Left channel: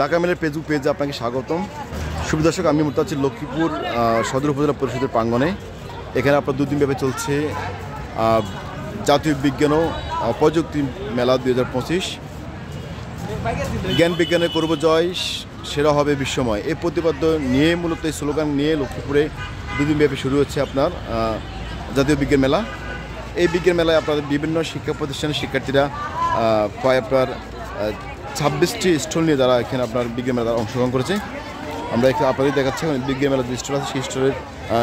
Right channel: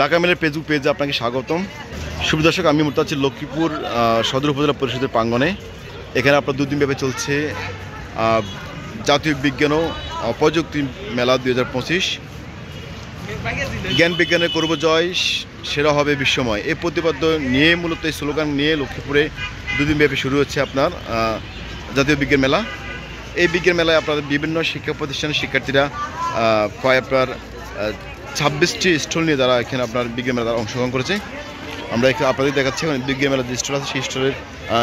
Dhaka মেলের Facebook পেজে আপনাকে স্বাগতম। শুভ দর্শক, আমি মুর্তাজ লক্ষ্মীপুর সদর উপজেলা পরিষদের প্রাঙ্গণে। এখানে আপনার দুদিন ব্যাপী চলছে জাতীয় বিজ্ঞান ও প্রযুক্তি মেলা 2025। জ্ঞান বিজ্ঞানের করব জয়, সেরা হবে বিশ্বময়, এই প্রতিপাদ্য নিয়ে মূলত এই স্লোগান নিয়ে লক্ষ্মীপুরে দুদিন ব্যাপী শুরু হচ্ছে আপনার জাতীয় বিজ্ঞান মেলা। এই বিজ্ঞান মেলায় আপনার বিভিন্ন শিক্ষা প্রতিষ্ঠানের শিক্ষার্থীরা প্রায় আপনার 26টি স্টল নিয়ে তারা এখানে আপনার বিজ্ঞান মেলা অংশগ্রহণ করেছে। আমরা এখানে আপনাদের দেখাচ্ছি এখন বিজ্ঞান মেলার যে স্টল আছে সেই স্টলের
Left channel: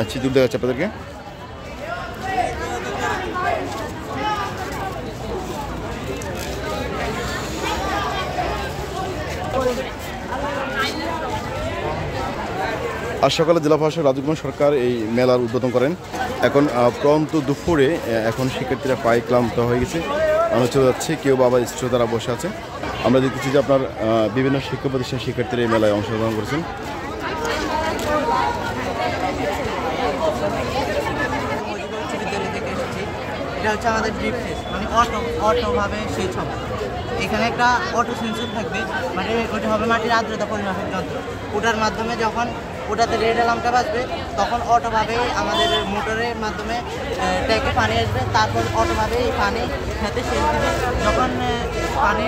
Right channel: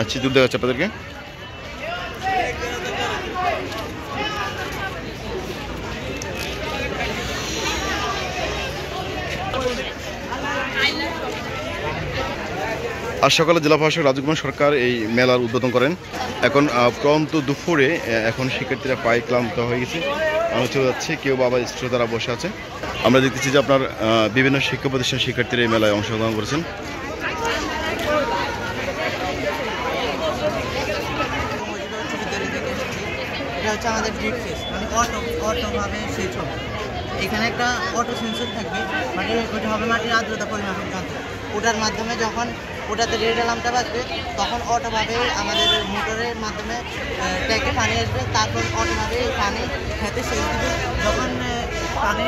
চিত্র দেখাচ্ছি আপনাদেরকে। আজ সকালে জেলা প্রশাসক রাজকুমার সরকার এই মেলার উদ্বোধন করেন। এখন প্রন্ত দুপুরে এখন শিক্ষার্থীরা প্রায় ক্লান্ত হয়ে গেছে, আমরা চলে যাচ্ছি, কেউ বাবা স্টল তারা বসে আছে। আমরা দেখতেছি যে আপনার বিভিন্ন শিক্ষা প্রতিষ্ঠান শিক্ষার্থীরা এই মেলায় অংশগ্রহণ করেছেন। এটা হচ্ছে আমাদের ড্রিপ সেচ, মানে অটোভাবে সেচ হবে। এখানে একটা অটো সেন্সর থাকবে, মানে ওটা হবে মাটির আর্দ্রতা পরিমাপক যন্ত্র। ওটার মাধ্যমে যখন ওটাতে রেড অ্যালার্মটা বাজবে তখন অটোভাবে আমাদের মোটরের মাধ্যমে ট্যাঙ্কে পানি আসবে, তারপর অটোভাবে পানি খেতে সেচ দিবে। যখন পানি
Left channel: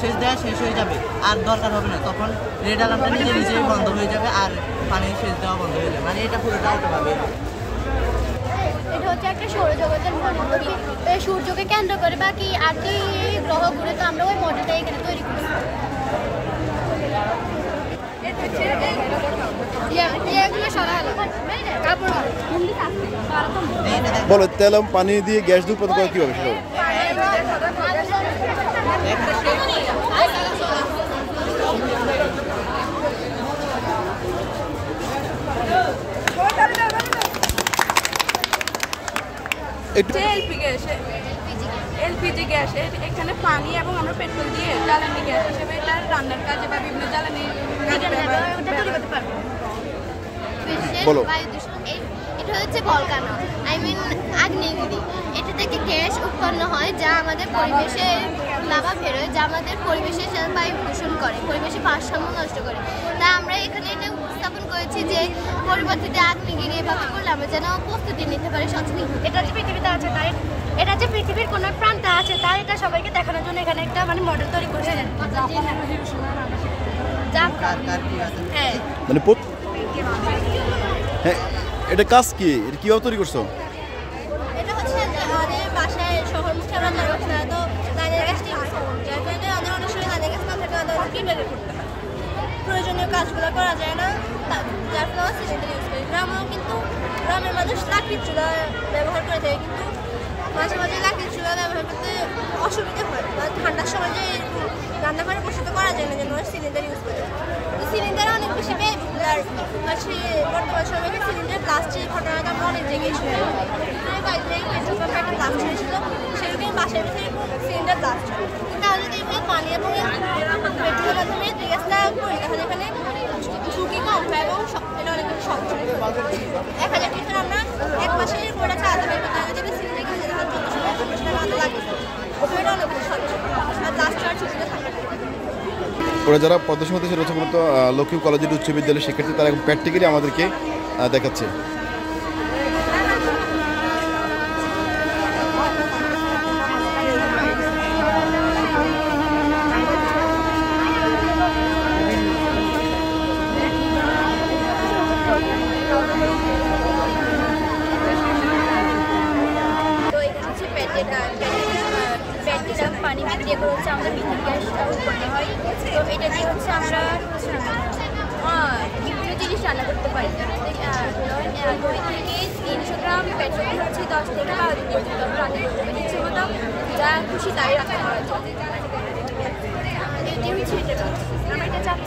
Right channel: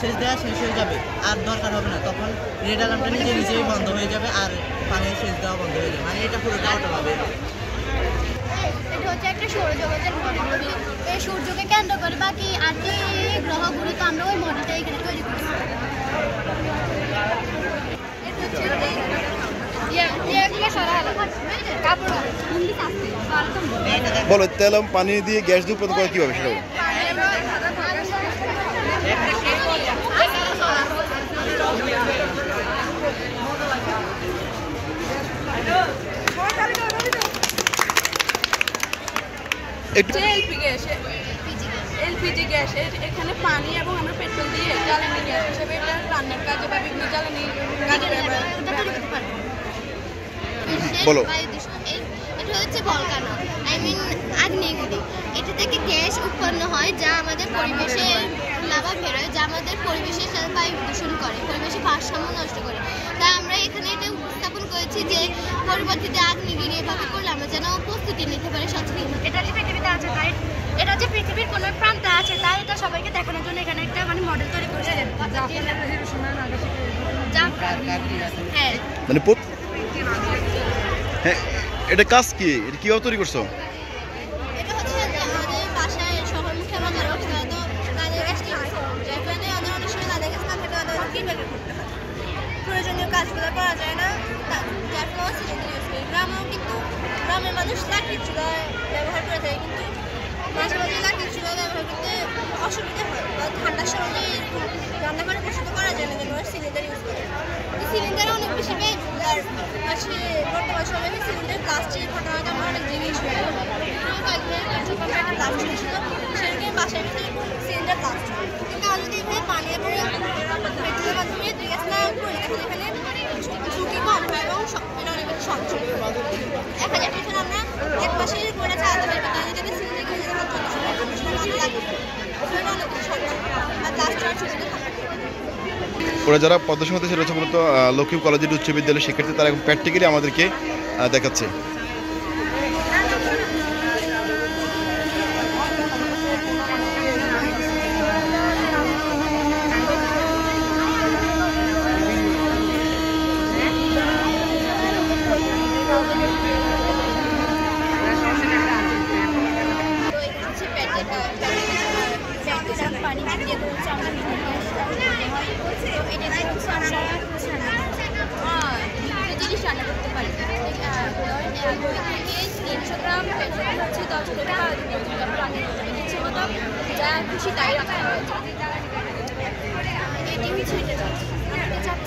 সেচ দেওয়া শেষ হয়ে যাবে আর দরকার হবে না, তখন রেড অ্যালার্মটা নিজেই বন্ধ হয়ে যাবে আর পানি সেচ দেওয়া বন্ধ হয়ে যাবে। মানে এটা পুরোটা অটোভাবে। এটা হচ্ছে একটা সৌরজগতের মডেল। এই সূর্যকে কেন্দ্র করে বাকি 8টি গ্রহ ঘুরে, তো আমরা ওই মডেলটা এখানে তৈরি করি। বলো, তেল পানি দিয়ে গ্যাস দিয়ে উৎপাদন করা কীভাবে সেটা বলো। এলপিজি গ্যাস, এখানে পানি এবং আমরা পেট্রোল দিয়ে জ্বালানি গ্যাস হিসেবে এটা রান্নার কাজে বা বিভিন্ন জ্বালানি কাজে ব্যবহার করতে পারবো। বলো। এটা হচ্ছে ভলকানো, আগ্নেয়গিরি। এটা থেকে গ্যাস উৎপন্ন হয় যা আমাদের পরিবেশে লাভা বেরোয়, যা আমাদের পরিবেশের সাথে বায়ু দূষণ করে, পরিবেশের ভারসাম্য নষ্ট করে। তা আমরা এখানে এটা উপস্থাপন করেছি যে পরিবর্তিত আগ্নেয়গিরি এভাবে করলে আমরা যেন প্রস্তুতি নিতে পারি সচেতন। এটা যে পৃথিবীতে আছে তাই, এটা যে পৃথিবীর কোনো প্রান্তে আছে তাই এটা সবাইকে দেখানোর জন্য এখানে একটা মডেল তৈরি করেছে। হ্যাঁ, মানে হ্যাঁ, এটা কাজ কি, এটা কিভাবে তৈরি করছো? এটা হচ্ছে আমাদের বাসায় শহরমুখী আমরা যারা তো নারিকেল গাছ নিয়ে আসি, যার কারণে অনেক সময় নারিকেল গাছ না থাকলে ওদের কীভাবে করতে পারে, প্রয়োজনীয় কাজগুলো করা যায় না, যার ফলে সিলিন্ডার ইউজ করি। গ্রামের মানুষ লাকড়ির চুলা ব্যবহার করে থাকে, কিন্তু মাঝে মাঝে লাকড়ির চুলা ব্যবহার করতে অসুবিধা হয়, ঠান্ডার সময় যে রান্না করে বসে তো করা যায় না, যেন সিলিন্ডার ইউজ করে। তো সিলিন্ডার অনেক বেশি ব্যয়বহুল, আর বর্তমান সময়ে সিলিন্ডার ব্লাস্টের ঘটনাটা আমরা অনেক জায়গায় শুনি। পেট্রোল পাম্পে একটা ব্লাস্ট হয়েছিল, সেরকম বাসায় বসে সিলিন্ডার ব্লাস্ট হয়। কিন্তু আমরা যদি এখানে পানি এবং পেট্রোলের মাধ্যমে গ্যাস না করি তখন এখানে ঝুঁকি কম হয় এবং এটা অনেক বেশি সঞ্চয়। 1000 লিটার আমরা এক মাসে করে চালাতে পারি, যদি সিলিন্ডার কিনে তখন 1400 টাকা লাগে, ওখানে অনেক বেশি সঞ্চয় আর ব্লাস্ট হওয়ার ঝুঁকিটা থাকে। ওরা যারা প্রদর্শন হতে সেটা হচ্ছে মূলত লক্ষ্মীপুর কলেজের উচ্চ বিদ্যালয়ের শিক্ষার্থী, তারা এখন প্র্যাকটিক্যালি আমাদেরকে দেখাচ্ছে। পানি দিয়ে করে হচ্ছে আমাদের মিথেন গ্যাসটা উৎপন্ন হয়। তো এটা দিয়ে হচ্ছে আমরা বিভিন্ন জিনিস রান্না করতে পারি। 2 থেকে 300 গ্রাম পেট্রোল দিয়ে হচ্ছে 10 থেকে 12 দিন পর্যন্ত আমরা রান্না করতে পারি, ইচ্ছে মতো যা খুশি তাই রান্না করা যায়। এটি হচ্ছে এটা আমরা এটা চাপ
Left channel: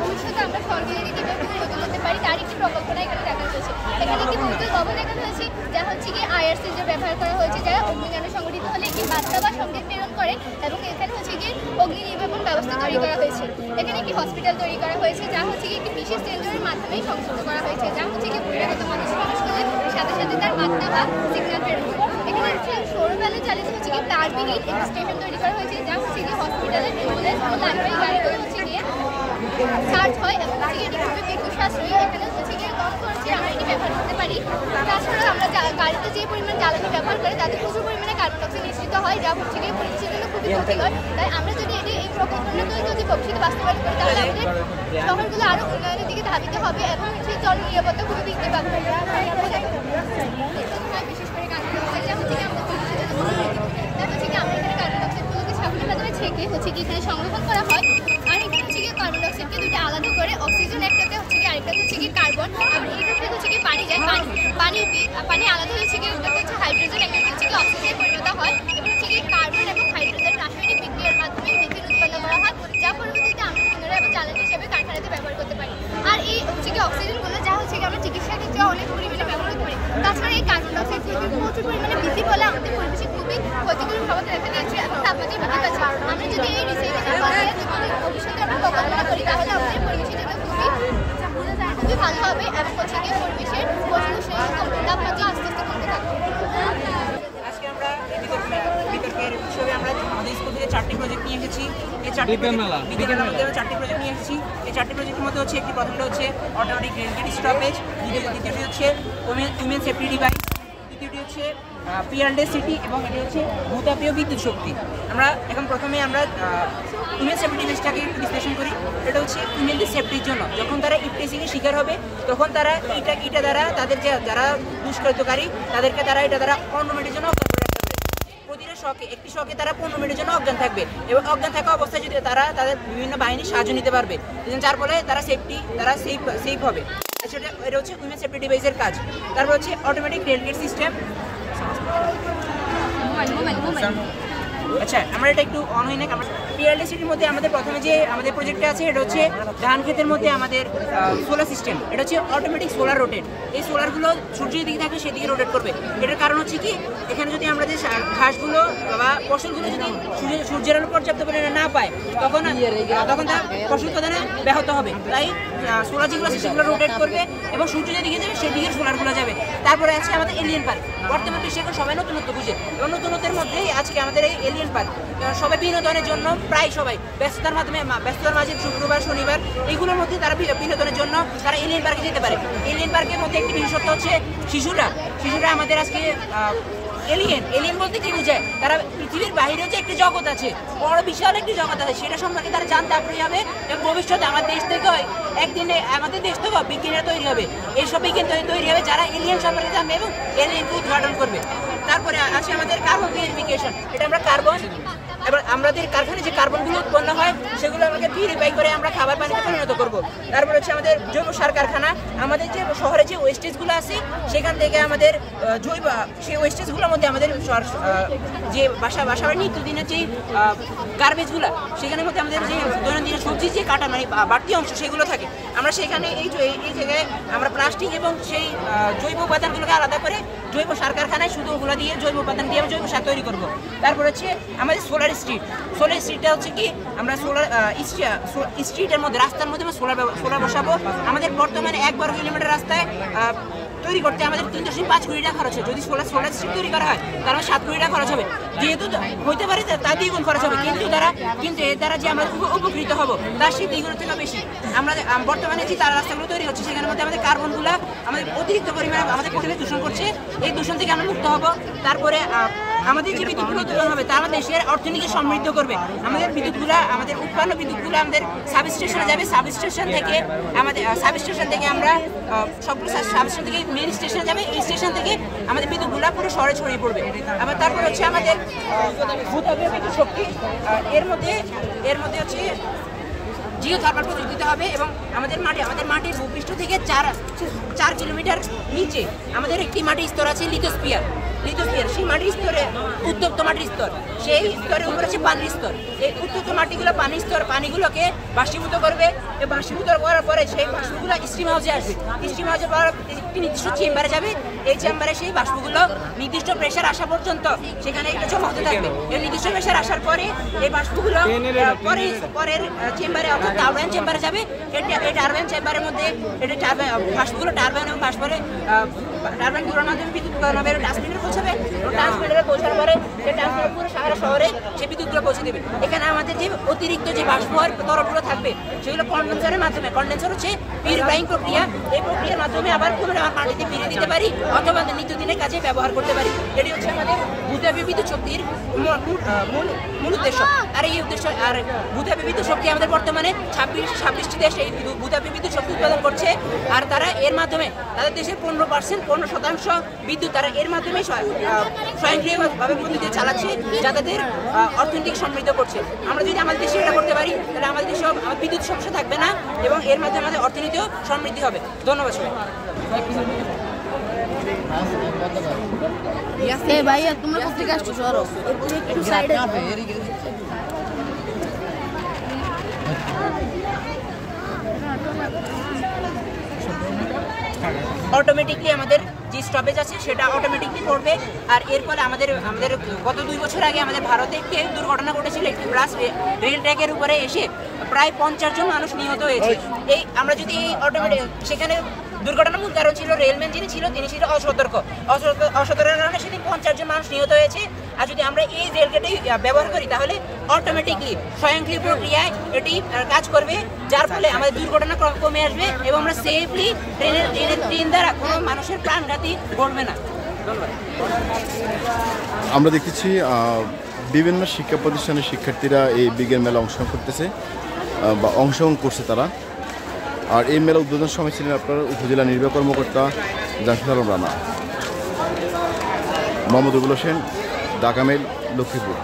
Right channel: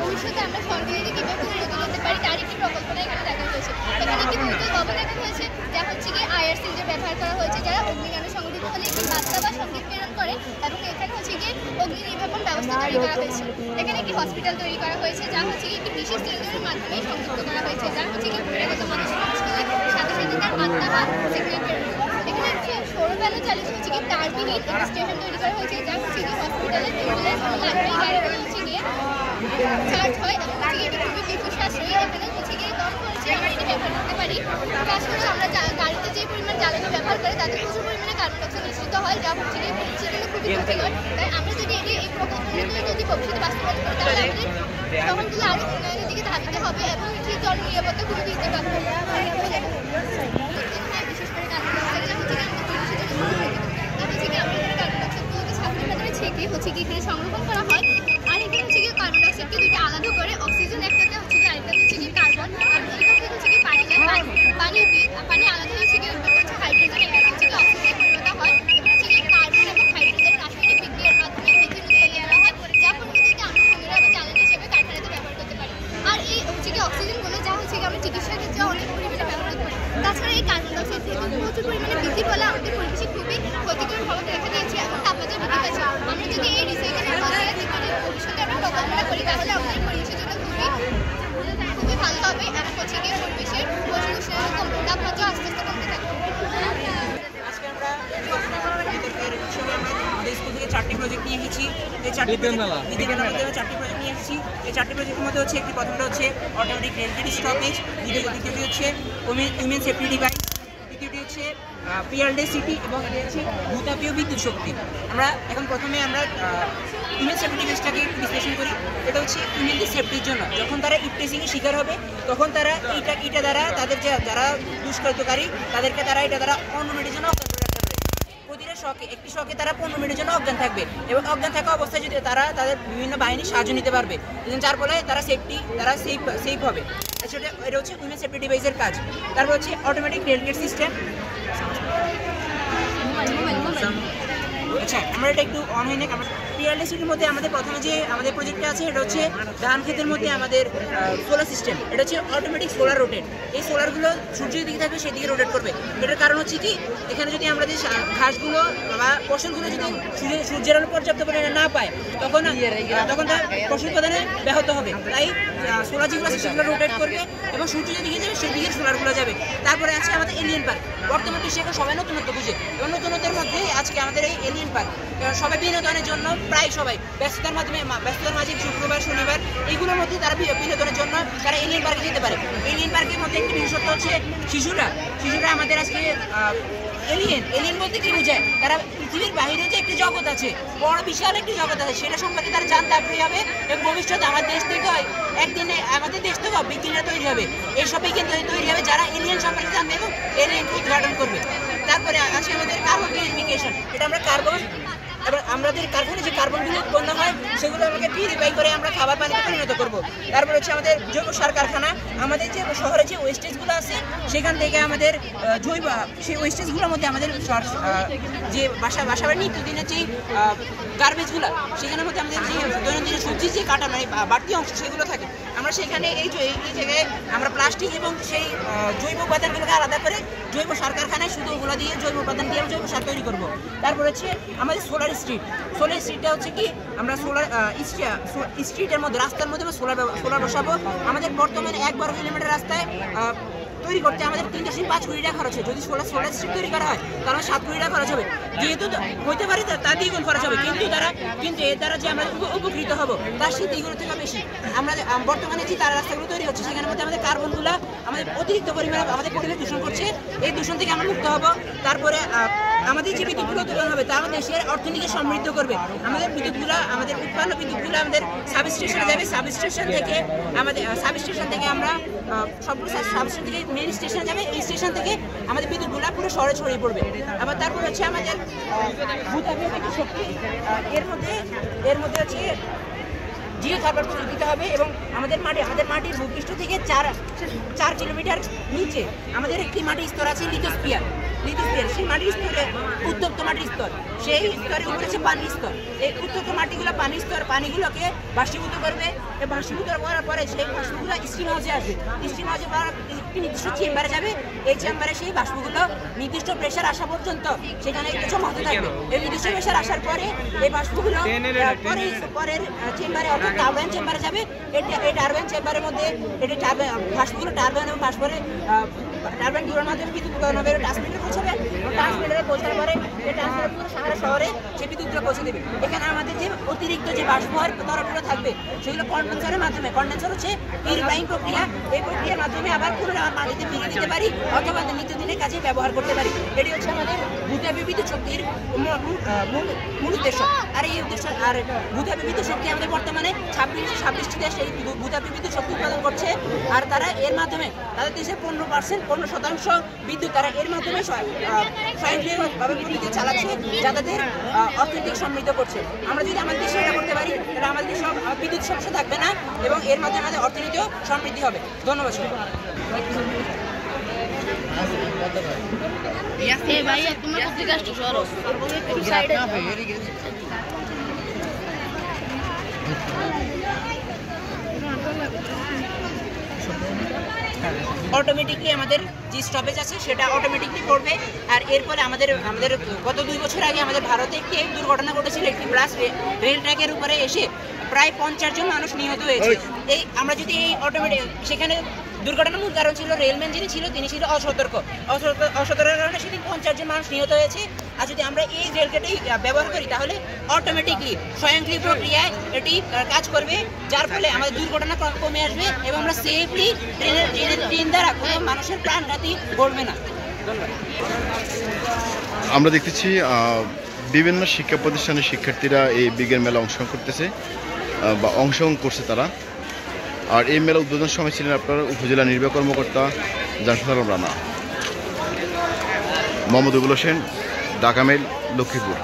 ভবিষ্যতে আমরা সরকারিকে কীভাবে উন্নত করতে পারি তার একটি প্রকল্পনা এখানে দেখা হয়েছে। এখানে একটি বহুতল ভবন দেখানো হয়েছে, যা হচ্ছে কি আয়ার সিলিন্ডার ব্যবহার করা হয়েছে, যারা অগ্নিকাণ্ড সংঘটিত হলে একটি বার্তা বা সংকেত প্রেরণ করে, এবং এখানে হচ্ছে কি অগ্নি নির্বাপন ব্যবস্থা তৈরি করা হয়েছে। এখানে একটি হসপিটাল তৈরি করা হয়েছে, যা হচ্ছে কি একটি বিশেষ সিলিন্ডারের মাধ্যমে সংযুক্ত করা হয়েছে, যা হচ্ছে কি বহিরাগত মানুষের সাথে সাথে তার বার্তা বা সিগন্যাল প্রেরণ করে। এখানে একটি সৌর প্যানেল চালিত হচ্ছে কি তারবিহীন একটি স্টেশন তৈরি করা হয়েছে, যা হচ্ছে কি হসপিটালের অ্যাম্বুলেন্স এবং লাইব্রেরি গাড়িগুলো হচ্ছে গিয়ে চার্জ হয়, এবং হচ্ছে কি এটি খুবই বিদ্যুৎ সাশ্রয়ী। এখানে হচ্ছে গিয়ে কম খরচে আমরা এটি ব্যবহার করতে পারি। তাছাড়াও আমরা গাড়িতে যে পরিমাণ জ্বালানি ব্যবহার করে তাতে প্রচুর পরিমাণে কার্বন ডাইঅক্সাইড নিঃসৃত হয়, যা হচ্ছে গিয়ে পরিবেশের জন্য খুবই ক্ষতিকর। তাই আমরা যদি এই প্রকল্পটা যদি ভবিষ্যতে বাস্তবায়ন করি, তাহলে আমাদের শহরগুলো আরও উন্নয়নের দিকে ধাবিত হবে এবং হচ্ছে জননিরাপত্তা খুবই বৃদ্ধি পাবে। বিশেষ করে কার্বন ডাইঅক্সাইড যা হচ্ছে কি আমাদের পরিবেশের জন্য খুবই ক্ষতিকর। তার হচ্ছে কি আমরা এখানে কার্বন ডাইঅক্সাইডগুলোকে সামনের মাধ্যমে ছেঁকে হচ্ছে কি এখানে সংরক্ষণ করা হয়। আর এখানে হচ্ছে কি কার্বন ডাইঅক্সাইডকে দুইটা আলাদা করে অক্সিজেন একটাতে হচ্ছে কি আরেকটা হচ্ছে কি কার্বন, আর এখান থেকে হচ্ছে কি পানি যায়, পানি আলাদা হচ্ছে কি একটা হচ্ছে হাইড্রোজেন, একটা হচ্ছে কি অক্সিজেন পরিণত হয়, এবং হচ্ছে কি কার্বন এবং হাইড্রোজেন রাসায়নিক বিক্রিয়ার মাধ্যমে মিথেন উৎপন্ন করা হয়, যা পরবর্তীতে আমরা পুনরায় আবার জ্বালানি হিসেবে কারখানাতে ব্যবহার করতে পারি। আর এই হচ্ছে কি অক্সিজেনগুলো যা হচ্ছে কি আমরা চিকিৎসার ক্ষেত্রে অনেক পরিমাণে ব্যবহার করতে পারি। তাছাড়া এই কার্বন ডাইঅক্সাইড প্রচুর পরিমাণে বৃদ্ধি ফলে আমাদের পরিবেশে খুবই ক্ষতিকর প্রভাব দেখা দিয়েছে এবং তাপমাত্রা বৃদ্ধি পাচ্ছে। আমরা যদি এই রিসাইকেলের মধ্যে ভবিষ্যতে আমরা প্রকল্পনা করি, তাহলে আমাদের পরিবেশের জন্য খুবই ভালো হবে, এবং হচ্ছে গিয়ে পরিবেশের তাপমাত্রা আস্তে আস্তে কমতে থাকবে। আজকে আমরা বিতর্কের উৎসবে আমরা আমাদের স্কুল থেকে 4টি প্রজেক্ট নিয়ে এসেছি। এই 4টি প্রজেক্ট নিয়ে এসেছি। এই 4টি প্রজেক্টের মধ্যে হচ্ছে প্রথমটা হচ্ছে অটোমেটিক রেলগেট স্টপেজ, দ্বিতীয়টি হচ্ছে উইমেন সেফটি ডিভাইস, তৃতীয়টি হচ্ছে পিয়ারলেস সিটি, এবং এটি হচ্ছে ভূতাপীয় বিদ্যুৎ শক্তি। আমরা এখন প্রথমে আমরা উইমেন সেফটি ডিভাইসটাকে একটু বিশ্লেষণ করি। এটা হচ্ছে উইমেনদের সেফটির জন্য, যখন তারা ইপটেসিংয়ের শিকার হবে তখন তারা এটা দ্বারা তাদের যারা দুষ্কৃতকারী তাদেরকে তারা এটা দ্বারা 15 মিনিটের জন্য অজ্ঞান করে রাখতে পারে। প্রতিটা একটি শকে তারা 15 মিনিটের জন্য অজ্ঞান থাকবে, এবং অজ্ঞান থাকা অবস্থায় যদি তারা তাদের বিভিন্ন বাহিনীর সাহায্য নিতে পারবে, যার ফলে তারা সেফ হবে। এটা হচ্ছে উইমেন সেফটি ডিভাইসের কাজ। তারপর হচ্ছে অটোমেটিক রেলগেট সিস্টেম। আচ্ছা, আমরা এটা একটু অন হয়ে নেই। পিয়ারলেস সিটির মধ্যে আমাদের প্রথমে যে আমাদের প্রজেক্টটা আছে, এটা হচ্ছে ধান ক্ষেতের মধ্যে আমাদের সোলার সিস্টেম। এটা হচ্ছে অটোমেটিক সোলার রোটেট। এই সোলারগুলো সূর্যের দিকে থাকবে, সেদিকে রোটেট করবে। এটার কারণ হচ্ছে কি, এখানে যদি আমরা যে ঘাসগুলো বা ফসলগুলো যদি সূর্যের আলো পর্যাপ্ত পরিমাণে না পায়, তখন তার ফসল উৎপাদনে ব্যাহত হবে। তাই সোলার যেগুলো আছে সেগুলো রোটেট করবে, এবং সূর্য যেদিকে যাবে সেদিকে সোলারগুলো যাবে। তারপরে আজকে আমাদের এলিয়েন পার্ক। বর্তমান বিশ্বে এখন সবাই নতুনত্ব বুঝে, এবং নতুনত্বের মধ্যেই আজকে আমাদের এই এলিয়েন পার্ক। সবাই বিনোদনের জন্য প্রায় সবাই ব্যস্ততার মাঝে শুক্রবার শনিবার এইগুলোর মধ্যে তারা বিনোদনের জন্য তারা এলিয়েন পার্কে যেতে পারে। এলিয়েন পার্কের মধ্যে একটি বিশেষত্ব হচ্ছে শিশুরা আমাদের আজকে এলিয়েন বলতে কি বোঝায়, তারা পৃথিবীর বাইরেও যে একটি জগৎ আছে, বড় বিশাল একটি জগৎ আছে, সেটা সম্পর্কে তারা জানতে আগ্রহী হবে, এবং ভবিষ্যতে আমার দেশ থেকে একদিনে আমাদের দেশ থেকে বিজ্ঞানীরা তৈরি হবে। এইসব বিজ্ঞান তৈরি হবে যারা এলিয়েন সম্পর্কে জানবে এবং এলিয়েনকে উদ্ঘাটন করবে। তারপরে আছে আমাদের কার্বন পিউরিফিকেশন। এটা আমরা এবার আমাদের কারখানায় যে কার্বনগুলো উৎপন্ন হয় সেগুলো আমাকে পিউরিফাই করে আমরা খাবার পানিতে পরিণত করব। তারপর হচ্ছে আমাদের জৈব সার কারখানা। আমাদের যে শহরে যে ওয়েস্টেজগুলো আছে সেখান থেকে আমাদের সেই ওয়েস্টেজগুলোর মধ্যে আমাদের যে বাসাবাড়ির নিত্যদিনের যে গার্বেজগুলো, সেখানের মধ্যে আমাদের যে দৈনন্দিন সবজি যে কাটা মানে বাড়তি অংশ সেগুলো থাকে, আমরা সেখানে এই জায়গায় আমরা প্লাস্টিক এবং সেই জৈব উপাদানগুলোকে আলাদা করে জৈব সার কারখানায় শুধু ওগুলো দিয়ে জৈব উপাদান দিয়ে জৈব সার তৈরি করব। তারপর হচ্ছে আমাদের সোলার স্ট্রিটটা হচ্ছে কি, আমরা স্ট্রিটের মধ্যে রাস্তার মধ্যে সোলার বসাবো। আমাদের বর্তমানে 1 বর্গ কিলোমিটার রাস্তায় তৈরি করতে আমাদের 3.5 কোটি টাকা খরচ হয়। যদি সোলার স্ট্রিট তৈরি করা হয় তাহলে 7 কোটি টাকা খরচ হবে। যেহেতু হইতে পারে তার দ্বিগুণ খরচ হবে, কিন্তু এর দ্বারা যে আমরা উপকৃত হব তার সেই দ্বিগুণের থেকে বেশি। আমরা বর্তমানে যে তার রাস্তাগুলো তৈরি হচ্ছে সেখানের মধ্যে আমাদের কার্বনগুলো আমাদের অতিরিক্ত পরিমাণে আমাদের পরিবেশ দূষণ করছে, এই দূষণ থেকে আমরা মুক্ত হব। তারপরে আমাদের যে বিদ্যুৎগুলো উৎপাদন হবে তা আমাদের দেশের অর্থনীতি সমৃদ্ধ করবে। আমাদের উৎপন্ন বিদ্যুৎগুলো আমাদের সাবস্টেশনে যাবে, সাবস্টেশন থেকে আমরা সবগুলো সাবস্টেশন থেকে মেন স্টেশনে যাবে, এই স্টেশন থেকে আমাদের বিদ্যুৎগুলো পুরো শহরে ছড়িয়ে পড়বে। আবার তারপর হচ্ছে আমাদের ভূতাপীয় বিদ্যুৎ শক্তি। এর মধ্যে হচ্ছে জিও থার্মাল প্রযুক্তি দিতে হবে, এবং আমাদের মাটির ভূপৃষ্ঠ থেকে 4 কিলোমিটার নিচে আমাদের একটি মাটির স্তর আছে লিথোস্ফিয়ার। লিথোস্ফিয়ার, সেই মাটির স্তরে উত্তপ্ত মাটির স্তর, সেই স্তরের উপরে আছে পানির স্তর। এই উত্তপ্ত মাটিগুলো পানির স্তর, পানিগুলোকে বাষ্পীভূত করবে। এই বাষ্পীভূত করার পরে সেই বাষ্পগুলো স্টিম হাউসে আসবে। স্টিম হাউসে একটি নির্দিষ্ট চেম্বারে যাবে। এই চেম্বারে সেই বাষ্পগুলো নির্দিষ্ট প্রেশার আসা পর্যন্ত সেখানে জমা হতে থাকবে। এই নির্দিষ্ট প্রেশার আসার পরে এই বাষ্পগুলো পরের চেম্বারে অর্থাৎ টারবাইন চেম্বারে যাবে। এই টারবাইন চেম্বারের মধ্যে বাষ্পগুলো টারবাইন এবং বাষ্পরে টারবাইনগুলোর মাধ্যমে বিদ্যুৎ উৎপাদন হবে। ট্রান্সমিটারে পৌঁছাবে, ট্রান্সমিটারে পৌঁছার পরে সেই ট্রান্সমিটার পুরো সারা শহরে সেই বিদ্যুৎগুলো পৌঁছে দেবে। এখানে আমাদের যে অতিরিক্ত যে বাষ্প তরলগুলো থাকবে সেগুলো কন্ডেন্সারের মাধ্যমে, কন্ডেন্সার হচ্ছে পিউরিফাইং প্রক্রিয়া, এই প্রক্রিয়ার মাধ্যমে আবার পুনরায় মাটিতে ফিরিয়ে দিতে পারি অথবা নিত্যদিনের কাজে ব্যবহার করতে পারি। এটি হচ্ছে আমাদের ভূতাপীয় বিদ্যুৎ শক্তির মূল উদ্দেশ্য। আর এই উদ্দেশ্য, আর ভূতাপীয় বিদ্যুৎ শক্তি আমাদের বর্তমানে 26টি দেশ এই ভূতাপীয় বিদ্যুৎ শক্তি উৎপাদন করছে। আর তারা এর মাধ্যমে তাদের দেশের 15% বিদ্যুৎ তারা এর মাধ্যমে স্বয়ংক্রিয়ভাবে বিদ্যুৎ চালাচ্ছে, যা তাদের অর্থনৈতিক সমৃদ্ধ করছে। আমরা যদি আমাদের দেশে এটা করতে পারি তাহলে আমাদের দেশে বিদ্যুৎ সমস্যা থাকবে না এবং এর মাধ্যমে আমাদের অর্থনীতিও সমৃদ্ধি হবে। ধন্যবাদ সবাই। অটোমেটিকলি আমাদের যে স্টপেজ আছে সেটা অটোমেটিকলি পড়বে। আর এর ফলে আমাদের গত 2 বছর আগে আমাদের ভারতে একটি দুর্ঘটনা ঘটেছিল। একটি বাস রেল ট্র্যাকের উপরে এসে প্রায় 50 জন মানুষ নিহত হয়েছে। এই আমরা যদি এই অটোমেটিক, সেখানে দুর্ঘটনার মূল কারণ ছিল রেলম্যান যিনি ছিল তিনি ছিল অসতর্কের কারণে সেদিন 50 জন মানুষ নিহত হয়েছে। আর যদি আমরা এই রেলগেটই ব্যবহার করি তাহলে অটোমেটিকলি স্বয়ংক্রিয় প্রক্রিয়ায় এটি কাজ করবে, যার ফলে আমাদের দুর্ঘটনা কমে আসবে এবং আমরা সেফলি ট্রেন দ্বারা কোনো মানুষের প্রাণঘাতী ঘটবে না। ধন্যবাদ। আমরা দেখতেছি বিভিন্ন শিক্ষা প্রতিষ্ঠানের শিক্ষার্থীরা এই বিজ্ঞান মেলা অংশগ্রহণ করতেছে বা অংশগ্রহণ করছে তারা। আর এই মেলা উদ্বোধন সময় ছিলেন আপনার উপজেলা নির্বাহী কর্মকর্তা জামশেদ আলম রানা। মোহাম্মদ রুবেল হোসেন, ঢাকা মেইল, লক্ষ্মীপুর।